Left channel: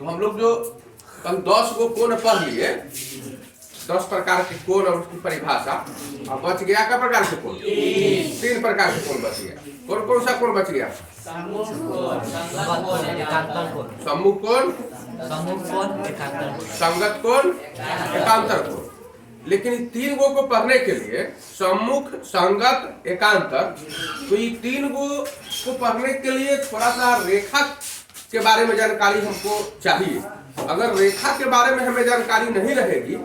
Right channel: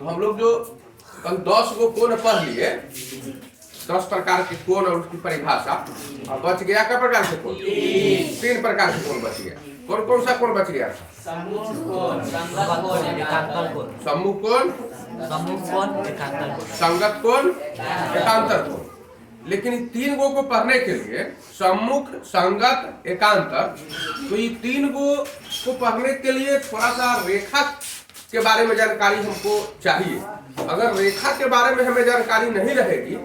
तो हम लोग जो कल 10 गो कोण पढ़ लिए, 10 प्रकार के कोण और उसकी परिभाषा, अब बच गया क्या प्रकार के कोण? 3 प्रकार के कोण बच गया। कौन कौन सा कोण बच गया? सम्मुख कोण, संगत कोण, एकांतर कोण। लेकिन इन 3 गो को पढ़ने के लिए सम्मुख, संगत, एकांतर, तो ये 3 गो को पढ़ने के लिए थोड़ा सा रेखा के बारे में जानकारी हमको चाहिए। अगर रेखा के बारे में हमें जानकारी नहीं रहेगी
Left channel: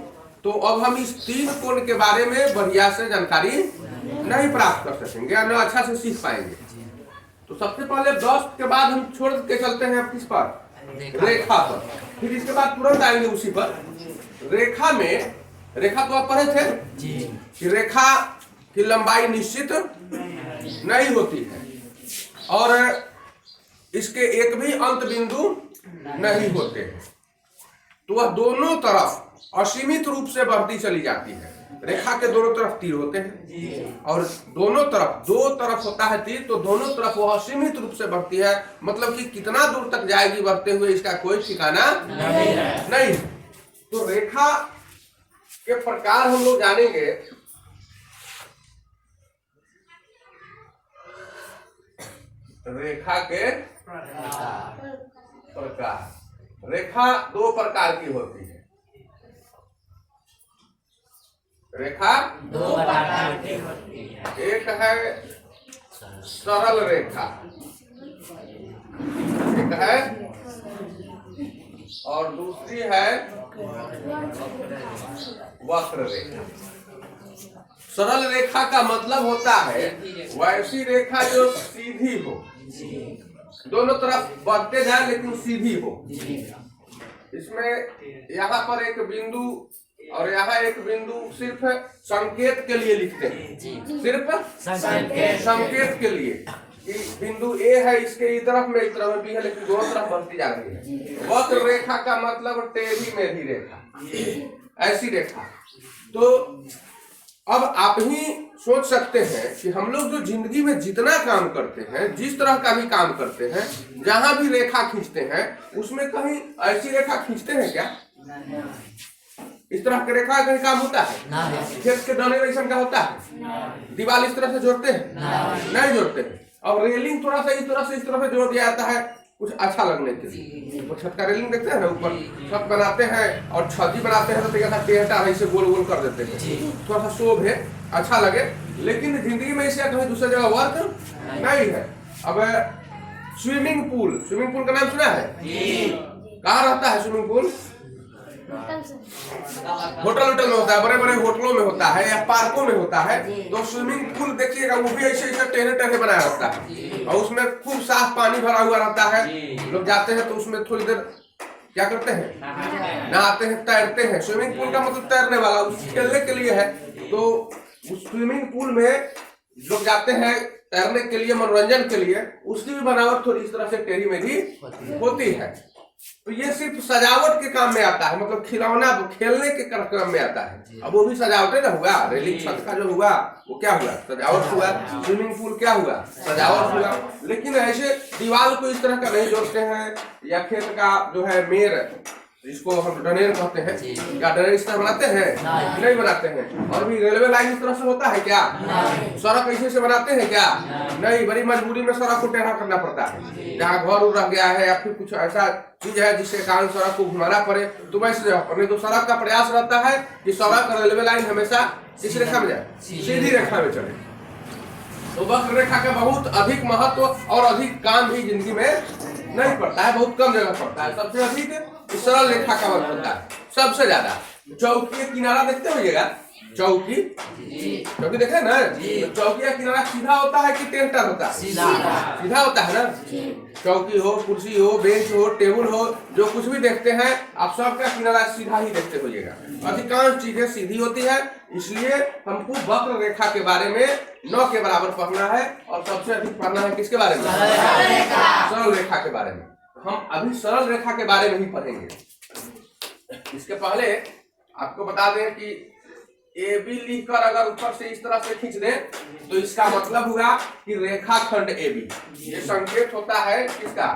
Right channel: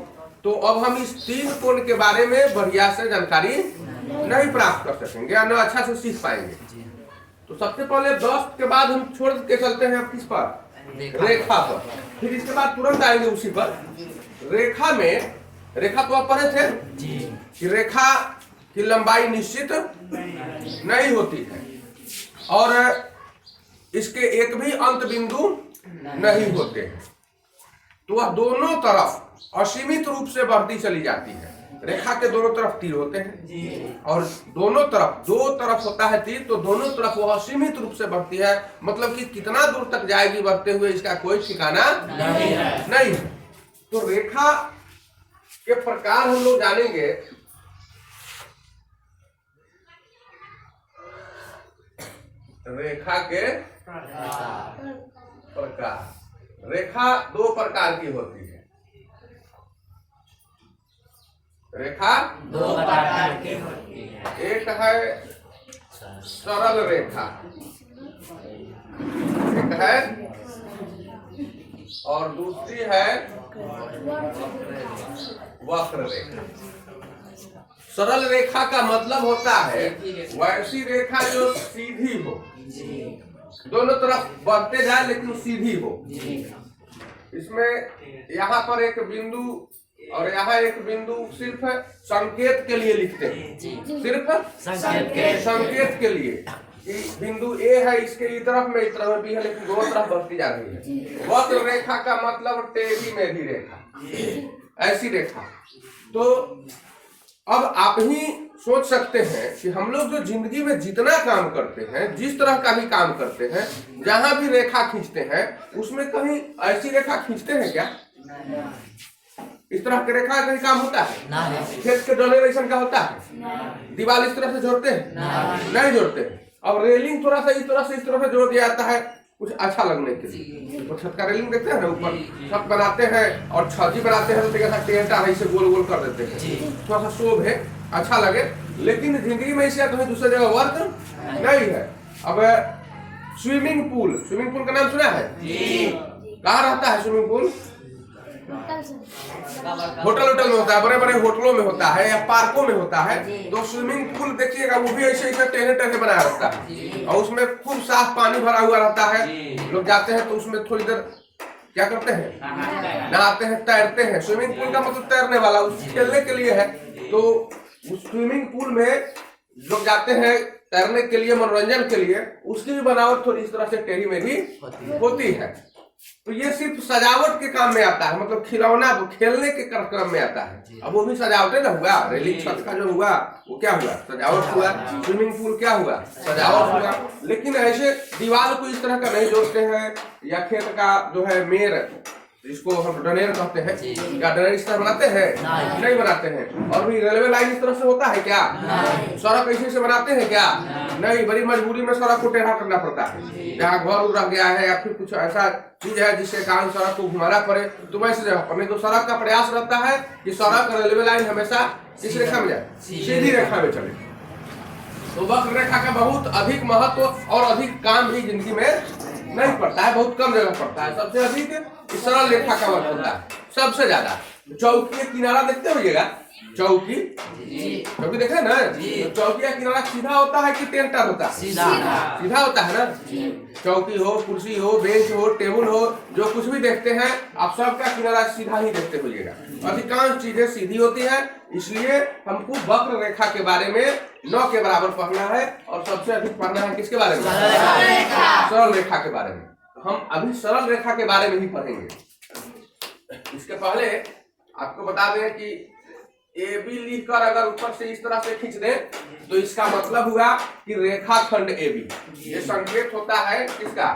तो अब हम इस 3 कोण के बारे में बढ़िया से जानकारी नहीं प्राप्त कर सकेंगे, न अच्छा से सीख पाएंगे। तो सबसे पहले 10 के बाद हम छोड़ के चलते हैं किस पर? रेखा पर। फिर इसके बाद तुरंत आएंगे उसी पर। रेखा में, रेखा तो आप पढ़े थे कि रेखा की लंबाई निश्चित नहीं होती है और इसके एक भी अंत बिंदु नहीं होते हैं, तो वह दोनों तरफ असीमित रूप से बढ़ती चली जाती है। रेखा के दोनों तरफ तीर होते हैं और दोनों तरफ, 2 तरफ होता है तीर, तो दोनों तरफ वह असीमित रूप से बढ़ती है। मतलब कि कितना दूर तक जाएगी बढ़ते हुए इसका कोई ठिकाना नहीं है। तो रेखा के प्रकार हम लोग जानेंगे। रेखा के प्रकार, रेखा 2 प्रकार की होती है। रेखा 2 प्रकार की होती है। एक है सरल रेखा, एक है, और दूसरी है वक्र रेखा। सरल रेखा का मतलब होता है वैसी रेखा जो सीधी हो, दोनों तरफ बढ़ते जाए लेकिन सीधी हो। इसमें यहाँ पर एक बिंदु और यहाँ एक बिंदु सिर्फ संकेत के लिए लिखते हैं, सिर्फ संकेत के लिए कि बिंदु ए है, इसके इस तरफ में, इस तरफ भी है, लेकिन दोनों तरफ बढ़ती जा रही है। वक्र रेखा का मतलब टेढ़ी मेढ़ी रेखा, ऐसी रेखा। तो अब आप ही सोच सकते हैं कि हम लोग जो जिंदगी में जितना काम करते हैं, जिस तरह का भी काम करते हैं, जहां भी रेखा खींचते हैं, उसमें कहीं ऐसी रेखा खींचते हैं क्या? इस तरह की रेखा कहीं काम होता है? खेत के डोनेशन का होता है? दीवार इस तरह से जोड़ते हैं? नहीं जोड़ते हैं। अब रेलिंग थोड़ा सा इस तरह से जोड़ दिया जाता है कुछ अच्छा लगने के लिए। ऊपर छत का रेलिंग देखते हैं ना, ऊपर छत बनाते हैं और छज्जी बनाते हैं तो कैसा टेढ़ा है, इसे गोल गोल कर देते हैं, थोड़ा सा शोभ है, अच्छा लगे। लेकिन जिंदगी में इसे कहीं दूसरी जगह वर्क नहीं है। अब स्विमिंग पूल, स्विमिंग पूल का नाम सुना है? कहाँ रहता है स्विमिंग पूल? होटल में होता है, बड़े बड़े होटलों में होता है या पार्कों में होता है। तो स्विमिंग पूल देखिएगा, वो भी ऐसे ऐसे टेढ़े टेढ़े बनाया रहता है और उसमें खूब साफ पानी भरा हुआ रहता है। लोग जाते हैं तो उसमें थोड़ी देर क्या करते हैं? नहाते हैं, तैरते हैं। स्विमिंग पूल का मतलब तैरने वाला, उस खेलने के लिए है। तो उस स्विमिंग पूल में लोग जाते हैं तैरने के लिए, मनोरंजन के लिए। उसकी भी बनावट थोड़ी इस तरह से टेढ़ी मेढ़ी होती है। तो ये सिर्फ सजावट के काम में आता है, मतलब खिलौना खेलने के कार्यक्रम में आता है। अब वो भी सजावट ना हुआ, रेलिंग छत का जो हुआ वो क्या हुआ? सजावट हुआ। स्विमिंग पूल क्या हुआ? सजावट हुआ। लेकिन ऐसे दीवार को इस तरह का नहीं जोड़ते हैं, या खेत का जो है मेर, जिसको हम डनेर कहते हैं, क्या डनेर इस तरह बनाते हैं? नहीं बनाते हैं। और भी रेलवे लाइन इस तरह से होता है क्या? सड़क ऐसे से बनाते हैं क्या? नहीं। बड़ी मजबूरी में सड़क को टेढ़ा करना पड़ता है, जहाँ घर उड़ रह गया है या फिर कुछ ऐसा चीज है जिसके कारण सड़क को घुमाना पड़े, तो वैसे जगह पर नहीं। तो सड़क का प्रयास रहता है कि सड़क और रेलवे लाइन हमेशा किस रेखा में जाए? सीधी रेखा में चले। तो वक्र रेखा का बहुत अधिक महत्व और अधिक काम भी जिंदगी में नहीं पड़ता है, बहुत कम जगह पड़ता है। सबसे अधिक सरल रेखा का वर्क होता है, सबसे ज्यादा। चौकी का किनारा देखते होइएगा, चौकी देखे ना, चौकी का किनारा सीधा होता है कि टेढ़ा होता है? सीधा होता है ना। चौकी हो, कुर्सी हो, बेंच हो, टेबल हो, जो कुछ भी देखते हैं आप सबका किनारा सीधा ही देखते होइएगा। अधिकांश चीजें सीधी होती है। इसलिए हमको वक्र रेखा के बारे में 9 के बराबर पढ़ना है और सबसे अधिक पढ़ना है किसके बारे में? सरल रेखा के बारे में। हम अभी सरल रेखा के बारे में ही पढ़ेंगे। इसके पहले आपको बता दें कि ए बी लिखकर अगर ऊपर से इस तरह से खींच दें तो इसका मतलब हुआ कि रेखाखंड ए बी। ये संकेत होता है किसका?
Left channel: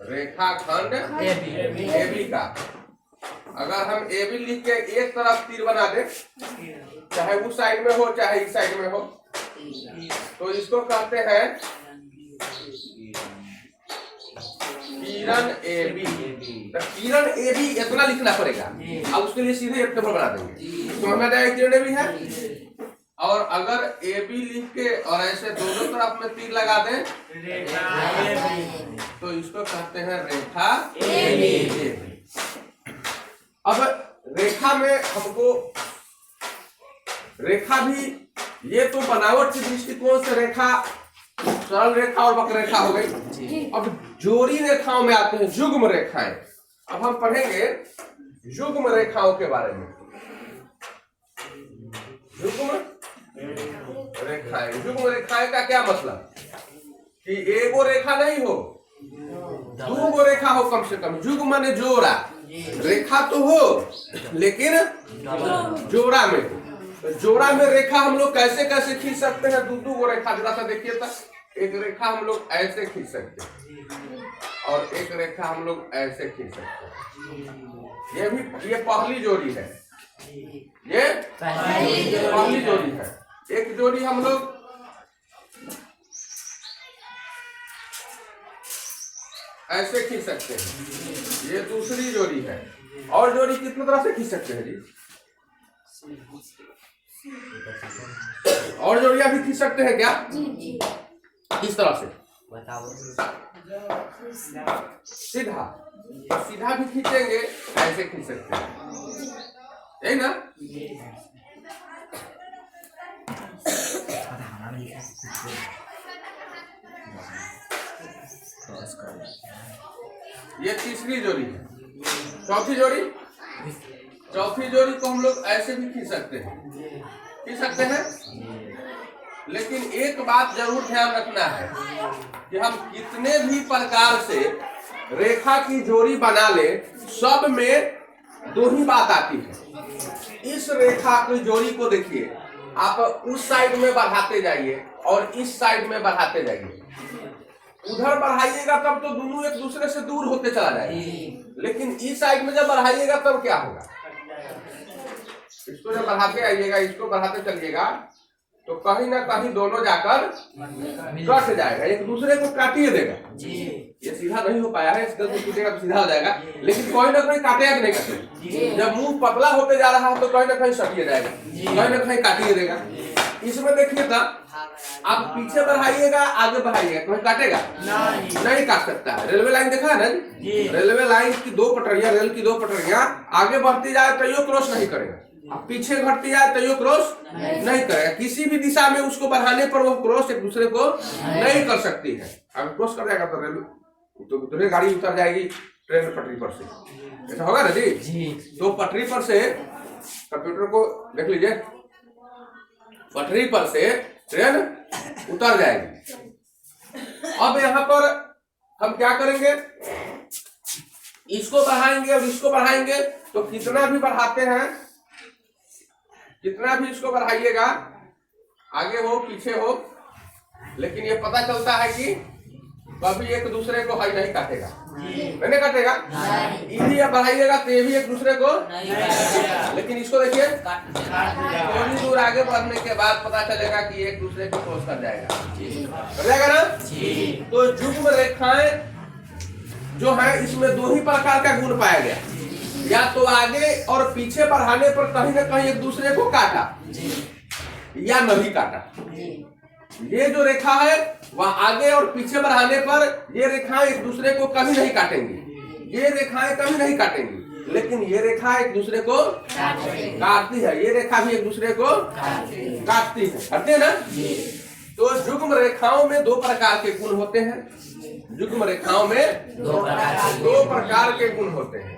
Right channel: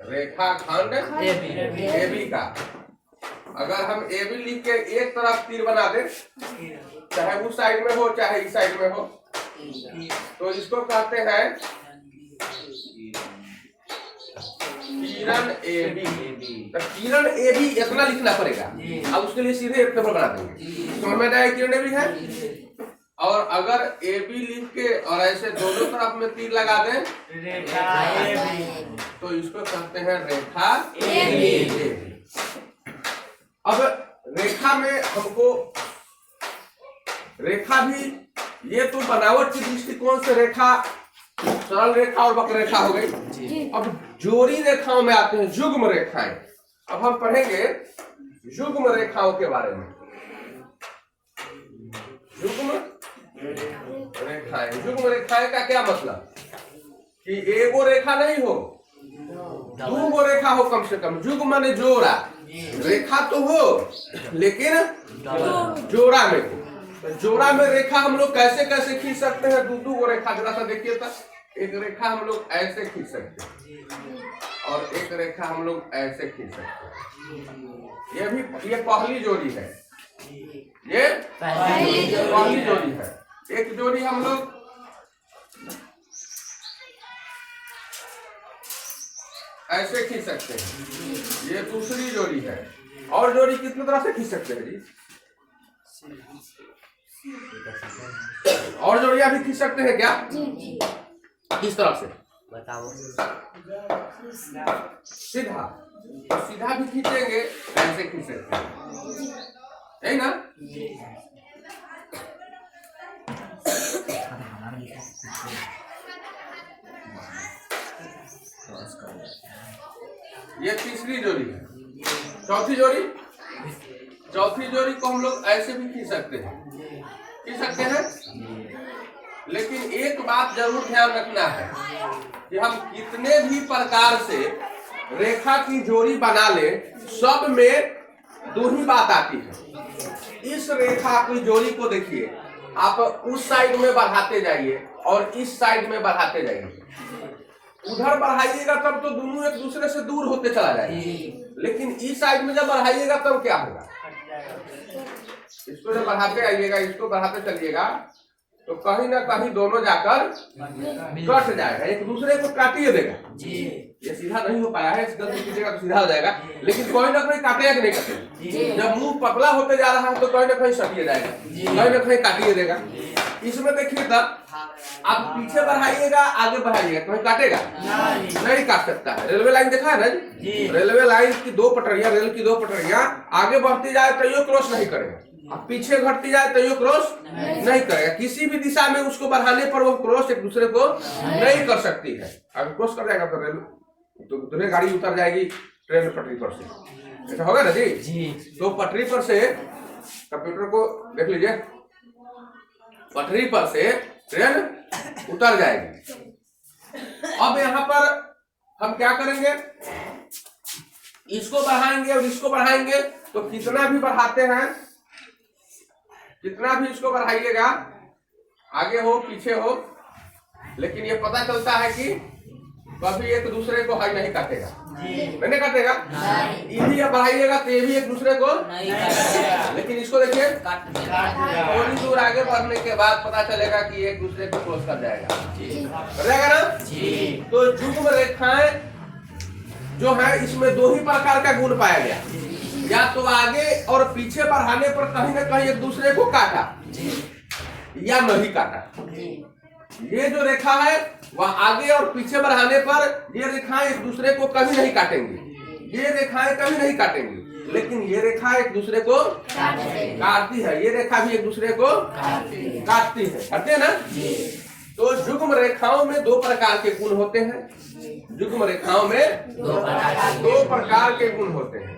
रेखाखंड AB का। अगर हम AB लिख के एक तरफ तीर बना दे, चाहे उस साइड में हो चाहे इस साइड में हो, तो इसको कहते हैं किरण AB। तो किरण AB इतना लिखना पड़ेगा, अब उसके लिए सीधे एक पेपर बना देंगे, समझ में जाएगा किरण AB है। और अगर AB लिख के और ऐसे दोनों तरफ में तीर लगा दें तो इसको कहते हैं रेखा AB। अब रेखा में हमको रेखा भी, ये तो बनावट के दृष्टिकोण से रेखा सरल रेखा और वक्र रेखा हो गई। अब जोड़ी रेखाओं में आते हैं युग्म रेखाएं। अब हम पढ़ेंगे युग्म रेखाओं के बारे में। युग्म रेखाएं, युग्म रेखाएं का क्या मतलब कि एगो रेखा नहीं हो, दो रेखा हो कम से कम। युग्म माने जोड़ा, रेखा तो हो लेकिन जोड़ा में हो। तो जोड़ा में रेखा हम लोग कैसे कैसे खींच सकते हैं? दो वो रेखा, जरा सा देखिए तो। एक रेखा हम लोग ऐसे खींच सकते हैं और एक रेखा हम लोग ऐसे खींच सकते हैं। ये पहली जोड़ी है, ये पहली जोड़ी है। एक जोड़ी हम लोग ऐसे खींच सकते हैं, ये दूसरी जोड़ी है। और जोड़ी कितनी तरह से खींच सकते हैं जी? और जोड़ियां भी खींच सकते हैं क्या? किस तरह से बताओ? सीधा, सीधा भी खींचेंगे, ऐसे खींच सकते हैं, है ना? ये तीसरी जोड़ी है। चौथी जोड़ी, चौथी जोड़ी को हम लोग ऐसे भी खींच सकते हैं, लेकिन एक बात जरूर ध्यान रखना है कि हम कितने भी प्रकार से रेखा की जोड़ी बना ले, सब में दो ही बात आती है। इस रेखा की जोड़ी को देखिए, आप उस साइड में बढ़ाते जाइए और इस साइड में बढ़ाते जाइए। उधर बढ़ाइएगा तब तो दोनों एक दूसरे से दूर होते चला जाएगा, लेकिन इस साइड में जब बढ़ाइएगा तब क्या होगा? इसको जब बढ़ाते आइएगा, इसको बढ़ाते चलिएगा, तो कहीं ना कहीं दोनों जाकर कट जाएगा, एक दूसरे को काटिए देगा। ये सीधा नहीं हो पाया है, इस गलती कीजिएगा तो सीधा हो जाएगा, लेकिन कोई ना कोई काटेगा कि नहीं काटेगा? जब मुंह पतला होते जा रहा है तो कहीं ना कहीं सटिए जाएगा, कहीं ना कहीं काटिए देगा। इसमें देखिए तब आप पीछे बढ़ाइएगा, आगे बढ़ाइएगा, कहीं काटेगा? नहीं काट सकता है। रेलवे लाइन देखा है ना जी? रेलवे लाइन की दो पटरियां, रेल की दो पटरियां आगे बढ़ती जाए तो यो क्रॉस नहीं करेगा, अब पीछे घटती जाए तो यो क्रॉस नहीं करेगा। किसी भी दिशा में उसको बढ़ाने पर वो क्रॉस एक दूसरे को नहीं कर सकती है। अगर क्रॉस कर जाएगा तो रेल तो गाड़ी उतर जाएगी ट्रेन पटरी पर से, ऐसा होगा ना जी? तो पटरी पर से, कंप्यूटर को देख लीजिए, पटरी पर से ट्रेन उतर जाएगी। अब यहाँ पर हम क्या करेंगे? इसको बढ़ाएंगे और इसको बढ़ाएंगे, तो कितना भी बढ़ाते हैं, कितना भी इसको बढ़ाइएगा, आगे हो पीछे हो, लेकिन ये पता चलता है कि कभी एक दूसरे को हाई नहीं काटेगा, नहीं काटेगा। ये बढ़ाइएगा तो ये भी एक दूसरे को, लेकिन इसको देखिए थोड़ी दूर आगे बढ़ने के बाद पता चलेगा कि एक दूसरे को क्रॉस कर जाएगा ना। तो युग्म रेखाएं जो है, इसमें दो ही प्रकार का गुण पाया गया, या तो आगे और पीछे बढ़ाने पर कहीं ना कहीं एक दूसरे को काटा या नहीं काटा। ये जो रेखा है वह आगे और पीछे बढ़ाने पर ये रेखाएं एक दूसरे को कभी नहीं काटेंगी, ये रेखाएं कभी नहीं काटेंगी, लेकिन ये रेखा एक दूसरे को काटती है, ये रेखा भी एक दूसरे को काटती है, करते हैं ना। तो युग्म रेखाओं में दो प्रकार के गुण होते हैं, युग्म रेखाओं में दो प्रकार के गुण होते हैं।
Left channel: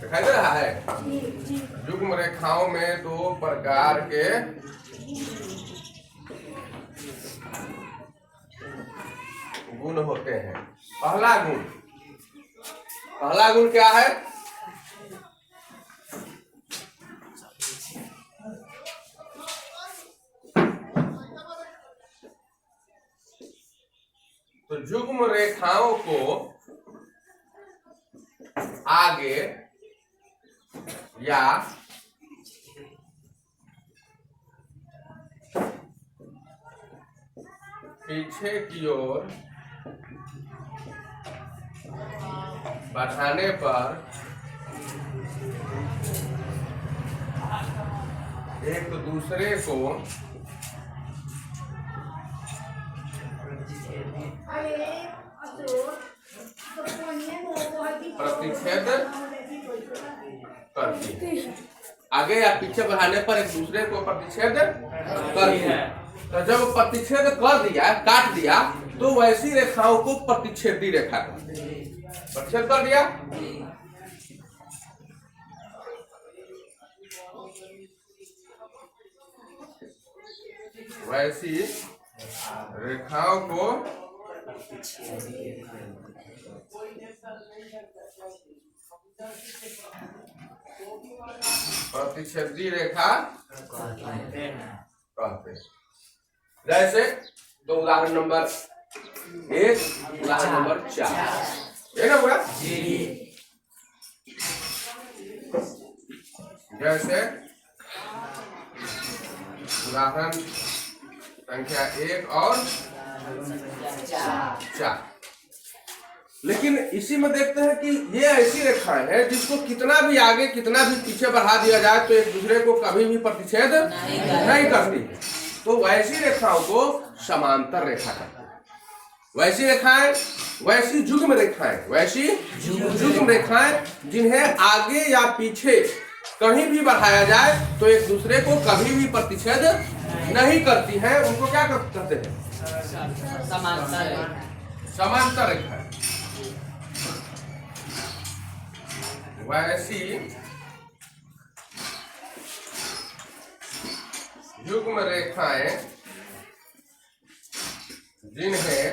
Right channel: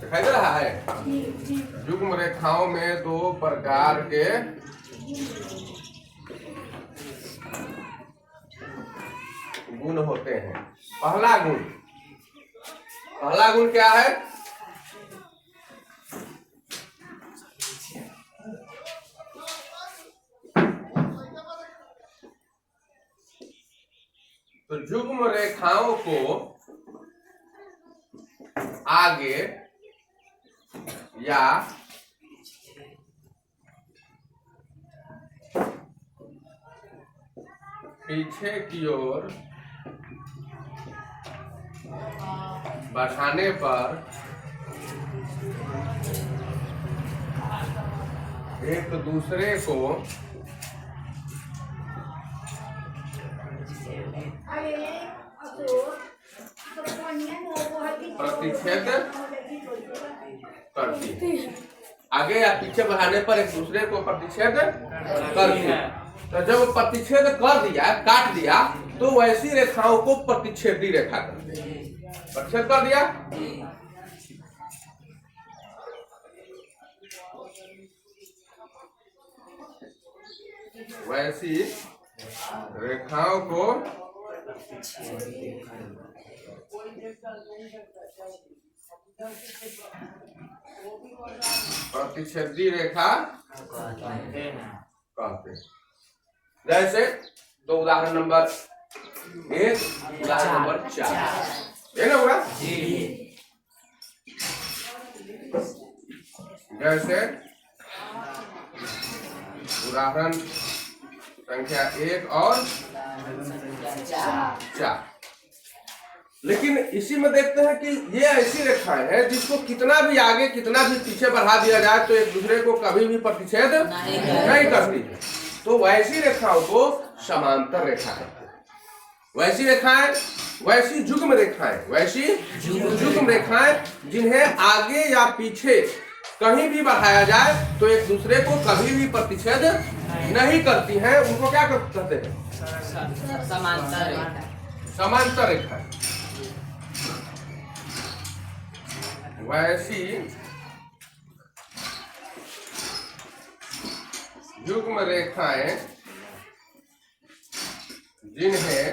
दिखाई दे रहा है? युग्म रेखाओं में दो प्रकार के गुण होते हैं। पहला गुण, पहला गुण क्या है? तो युग्म रेखाओं को आगे या पीछे की ओर बढ़ाने पर एक दूसरे को प्रतिच्छेद करती है। आगे या पीछे बढ़ाने पर एक दूसरे को प्रतिच्छेद करती है। तो जब प्रतिच्छेद कर दिया, काट दिया, तो वैसी रेखाओं को प्रतिच्छेदी रेखा कहते हैं। प्रतिच्छेद कर दिया, वैसी रेखाओं को प्रतिच्छेदी रेखा कहते हैं। जैसे तो उदाहरण नंबर 1, उदाहरण नंबर 4, है ना पूरा? जैसे उदाहरण संख्या 1 और 4। लेकिन इसी में देखते हैं कि ये ऐसी रेखाएं हैं जिसको कितना भी आगे कितना भी पीछे बढ़ा दिया जाए तो एक दूसरे को कभी भी प्रतिच्छेद नहीं करती है। तो वैसी रेखाओं को समांतर रेखा कहते हैं। वैसी रेखाएं, वैसी युग्म रेखाएं, वैसी युग्म रेखाएं जिन्हें आगे या पीछे कहीं भी बढ़ाया जाए तो एक दूसरे को कभी भी प्रतिच्छेद नहीं करती हैं, उनको क्या कहते हैं? समांतर रेखा। वैसी युग्म रेखाएं जिन्हें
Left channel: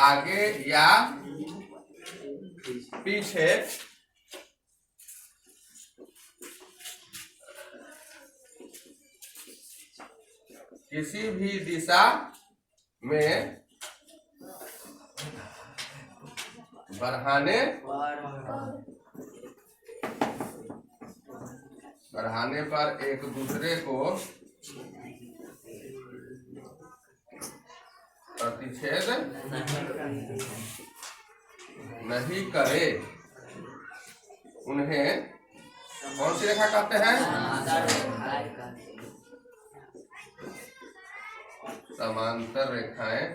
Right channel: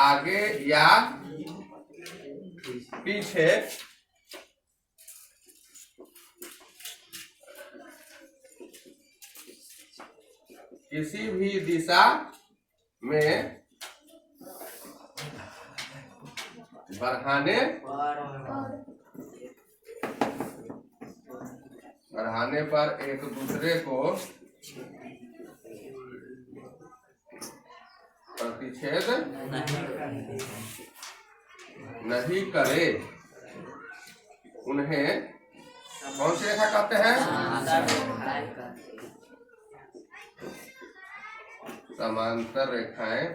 आगे या पीछे किसी भी दिशा में बढ़ाने पर एक दूसरे को प्रतिच्छेद नहीं करे, उन्हें कौन सी रेखा कहते हैं? समांतर रेखाएं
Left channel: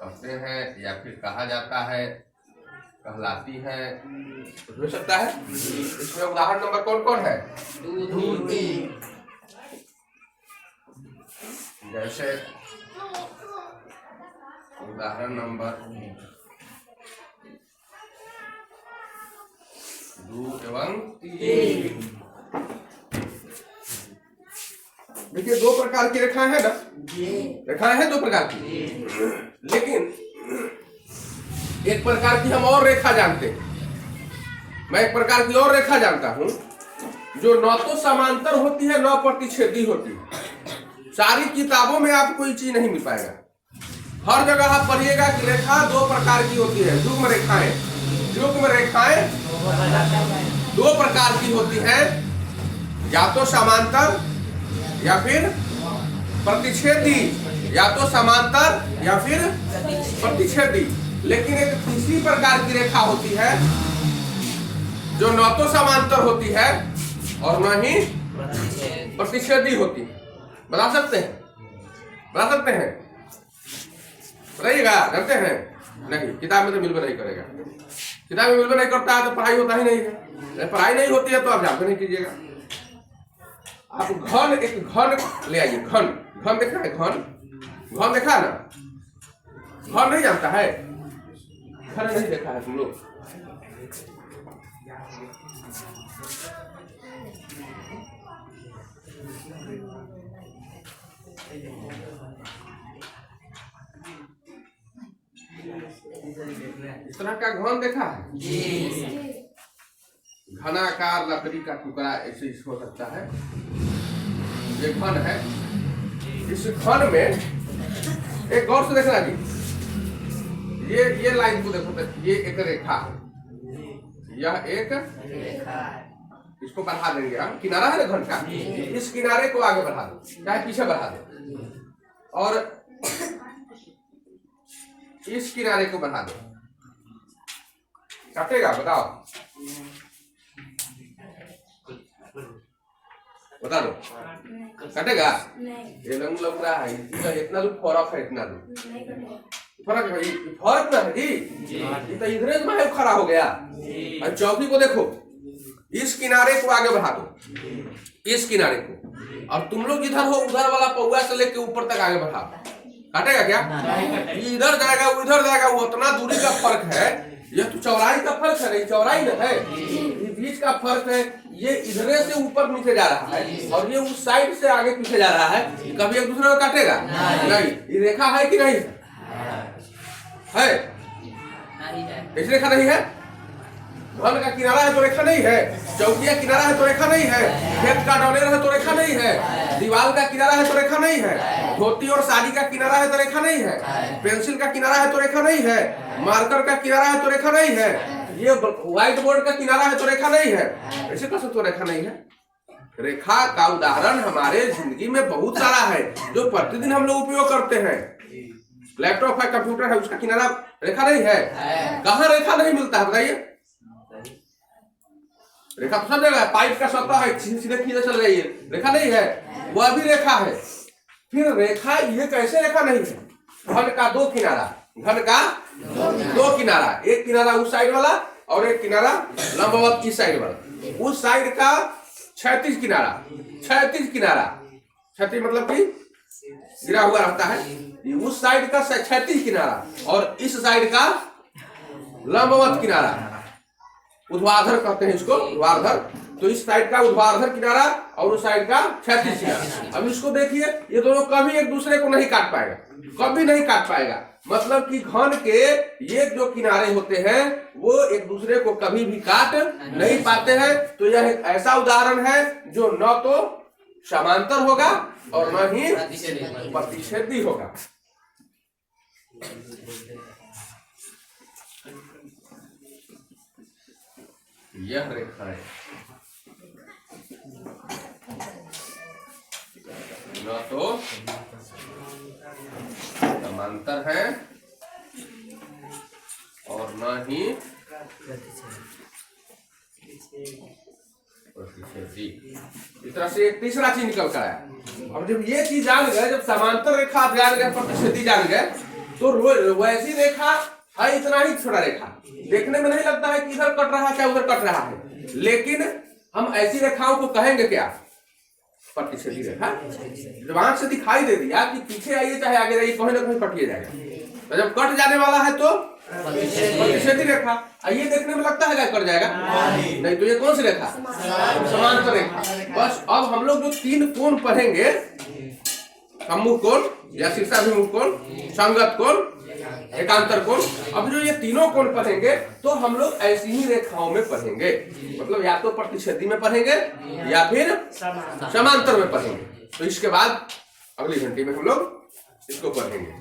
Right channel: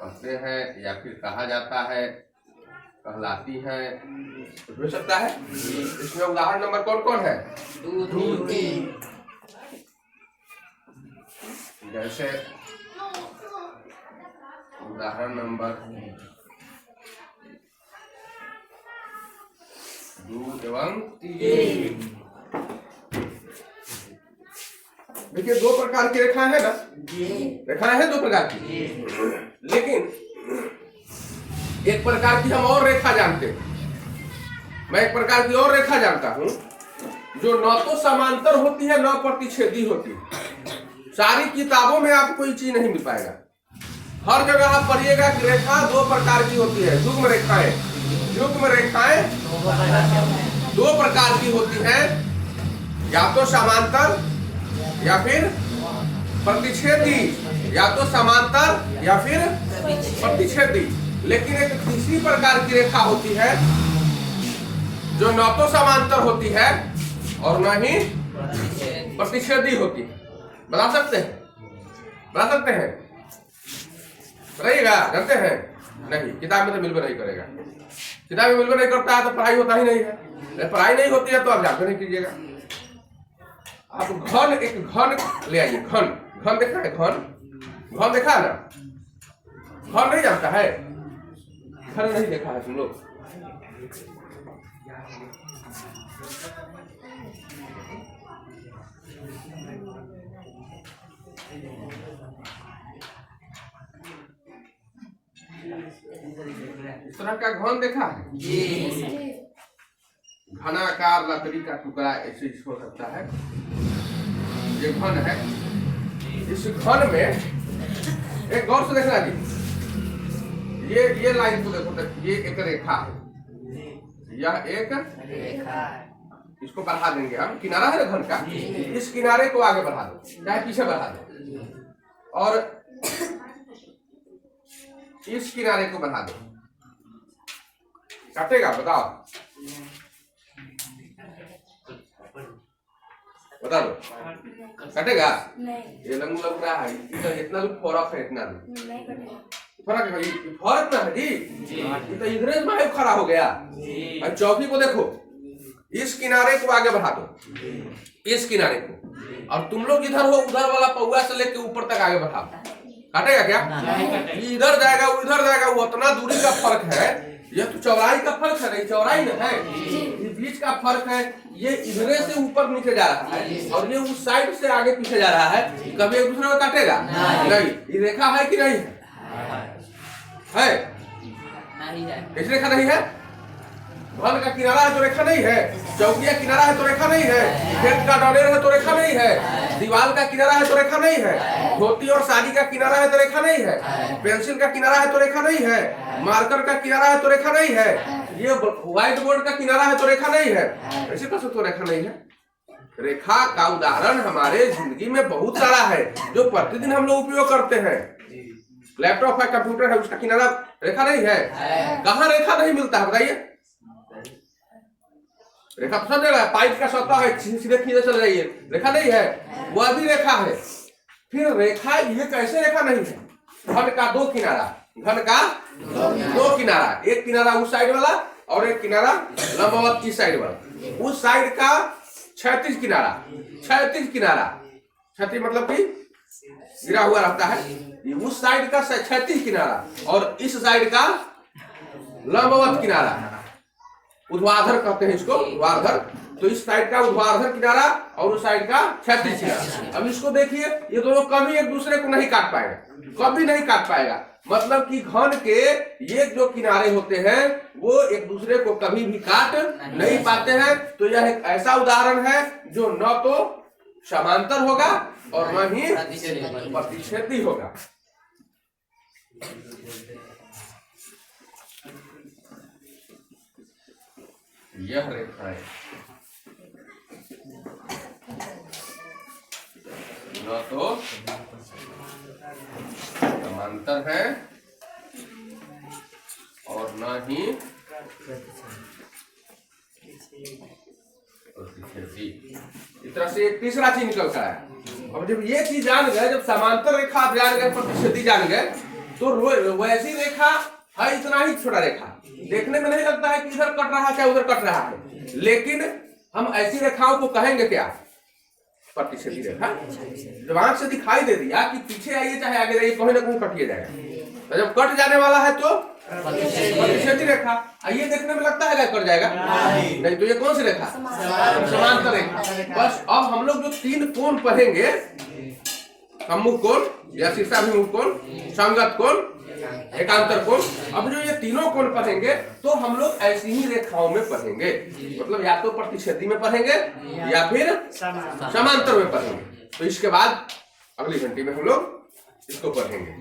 कहते हैं, या फिर कहा जाता है, कहलाती है। कुछ हो सकता है। इसमें उदाहरण नंबर कौन कौन है? 2, 3। जैसे उदाहरण नंबर 2 एवं 3। देखिए 2 प्रकार की रेखाएं है ना, रेखाएं हैं 2 प्रकार की। लेकिन एक प्रकार की हम और रेखा जानते हैं। मैं एक प्रकार की और रेखा जानता हूं जो न तो समांतर होती है न प्रतिच्छेदी होती है। सारी किताबों में आपको ये चीज नहीं मिल पाएगा। हर जगह आप पढ़िएगा कि रेखा 2 प्रकार की होती है। युग्म रेखाएं 2 प्रकार की होती हैं, या तो समांतर या फिर प्रतिच्छेदी, या तो समांतर या फिर प्रतिच्छेदी। लेकिन एक तीसरी प्रकार की रेखा होती है जो न तो समांतर होती है और न ही प्रतिच्छेदी होती है। बता सकते हैं? बताइएगा, जानते हैं? नहीं, किताब में तो मिलकर नहीं करेगा। किताब में मिलकर नहीं करता है तो पढ़ाई होता ही नहीं है। पढ़ाई नहीं होती है तो आप जानते नहीं कीजिएगा। आप एक घन ले आइए। घन देखा है? घन देखा है ना? घन नहीं जानता है? घन नहीं देखा है तुम लोग? इस तरह का घन देखा है घनाकार लकड़ी का टुकड़ा ऐसे हो सकता है। ये घन है। इस घन में एक गौर से देखना जी, ये लाइन को देखो, ये एक रेखा है, यह एक रेखा है। इसको बढ़ा देंगे हम, किनारा है ना घन का, इस किनारे को आगे बढ़ा दो चाहे पीछे बढ़ा दो, और इस किनारे को बढ़ा दो। काटेगा? बताओ, बता दो, कटेगा? ये लग रहा है इतना दूर फर्क है, इतना दूर फर्क है, फर्क ना है जी, ये तो इधर में खड़ा हो गया। और चौकी को देखो, इस किनारे को आगे बढ़ा दो, इस किनारे को, और तुम लोग इधर हो, उधर वाला पौआ से लेके ऊपर तक आगे बढ़ाओ। काटेगा क्या? इधर जाएगा उधर जाएगा, वो उतना दूरी का फर्क है। ये तो चौड़ाई का फर्क है, नहीं चौड़ाई न है, ये बीच का फर्क है। ये इधरे से ऊपर नीचे जा रहा है और ये उस साइड से आगे पीछे जा रहा है। कभी एक दूसरे को काटेगा? नहीं। ये रेखा है कि नहीं है? कैसी रेखा नहीं है? घन का किनारा है तो रेखा नहीं है, चौकिया किनारा है तो रेखा नहीं है, खेत का डोलेर है तो रेखा नहीं है, दीवार का किनारा है तो रेखा नहीं है, धोती और साड़ी का किनारा है तो रेखा नहीं है, पेंसिल का किनारा है तो रेखा नहीं है, मार्कर का किनारा है तो रेखा नहीं है, ये व्हाइट बोर्ड का किनारा है तो रेखा नहीं है। ऐसे कैसे तो रेखा नहीं है? रेखा का उदाहरण हमारे जिंदगी में बहुत सारा है जो प्रतिदिन हम लोग उपयोग करते हैं। लैपटॉप है, कंप्यूटर है, उसका किनारा रेखा नहीं है? कहाँ रेखा नहीं मिलता है बताइए? रेखा तो सब जगह है, पाइप का सतह है, सीधे खींचे चल रही है, रेखा नहीं है? वह भी रेखा है। फिर रेखा ये कैसे रेखा नहीं है? घन का दो किनारा, घन का दो किनारा, एक किनारा उस साइड वाला और एक किनारा लंबवत इस साइड वाला। उस साइड का क्षैतिज किनारा, क्षैतिज किनारा, क्षैतिज मतलब कि गिरा हुआ रहता है, उस साइड का क्षैतिज किनारा और इस साइड का लंबवत किनारा, ऊर्ध्वाधर कहते हैं इसको, ऊर्ध्वाधर। तो इस साइड का ऊर्ध्वाधर किनारा और उस साइड का क्षैतिज किनारा। अब इसको देखिए, ये दोनों कभी एक दूसरे को नहीं काट पाएगा, कभी नहीं काट पाएगा। मतलब कि घन के ये जो किनारे होते हैं वो एक दूसरे को कभी भी काट नहीं पाते हैं। तो यह एक ऐसा उदाहरण है जो न तो समांतर होगा और न ही प्रतिच्छेदी होगा। यह रेखा है न तो समांतर है और न ही प्रतिच्छेदी। इस तरह से एक तीसरा चीज निकल कर आया। अब जब ये चीज जान गए, जब समांतर रेखा आप जान गए, प्रतिच्छेदी जान गए, तो वैसी रेखा है इतना ही छोटा रेखा, देखने में नहीं लगता है कि इधर कट रहा है क्या उधर कट रहा है, लेकिन हम ऐसी रेखाओं को कहेंगे क्या? प्रतिच्छेदी रेखा। जब आंख से दिखाई दे दिया कि पीछे आइए चाहे आगे जाइए, कहीं ना कहीं कटिए जाएगा। तो जब कट जाने वाला है तो प्रतिच्छेदी रेखा। ये देखने में लगता है क्या कट जाएगा? नहीं। तो ये कौन सी रेखा? समांतर रेखा। बस अब हम लोग जो तीन कोण पढ़ेंगे, सम्मुख कोण या शीर्षाभिमुख कोण, संगत कोण, एकांतर कोण, अब जो ये तीनों कोण पढ़ेंगे तो हम लोग ऐसी ही रेखाओं में पढ़ेंगे। मतलब या तो प्रतिच्छेदी में पढ़ेंगे या फिर समांतर में पढ़ेंगे। तो इसके बाद अगली घंटी में हम लोग इसको पढ़ेंगे।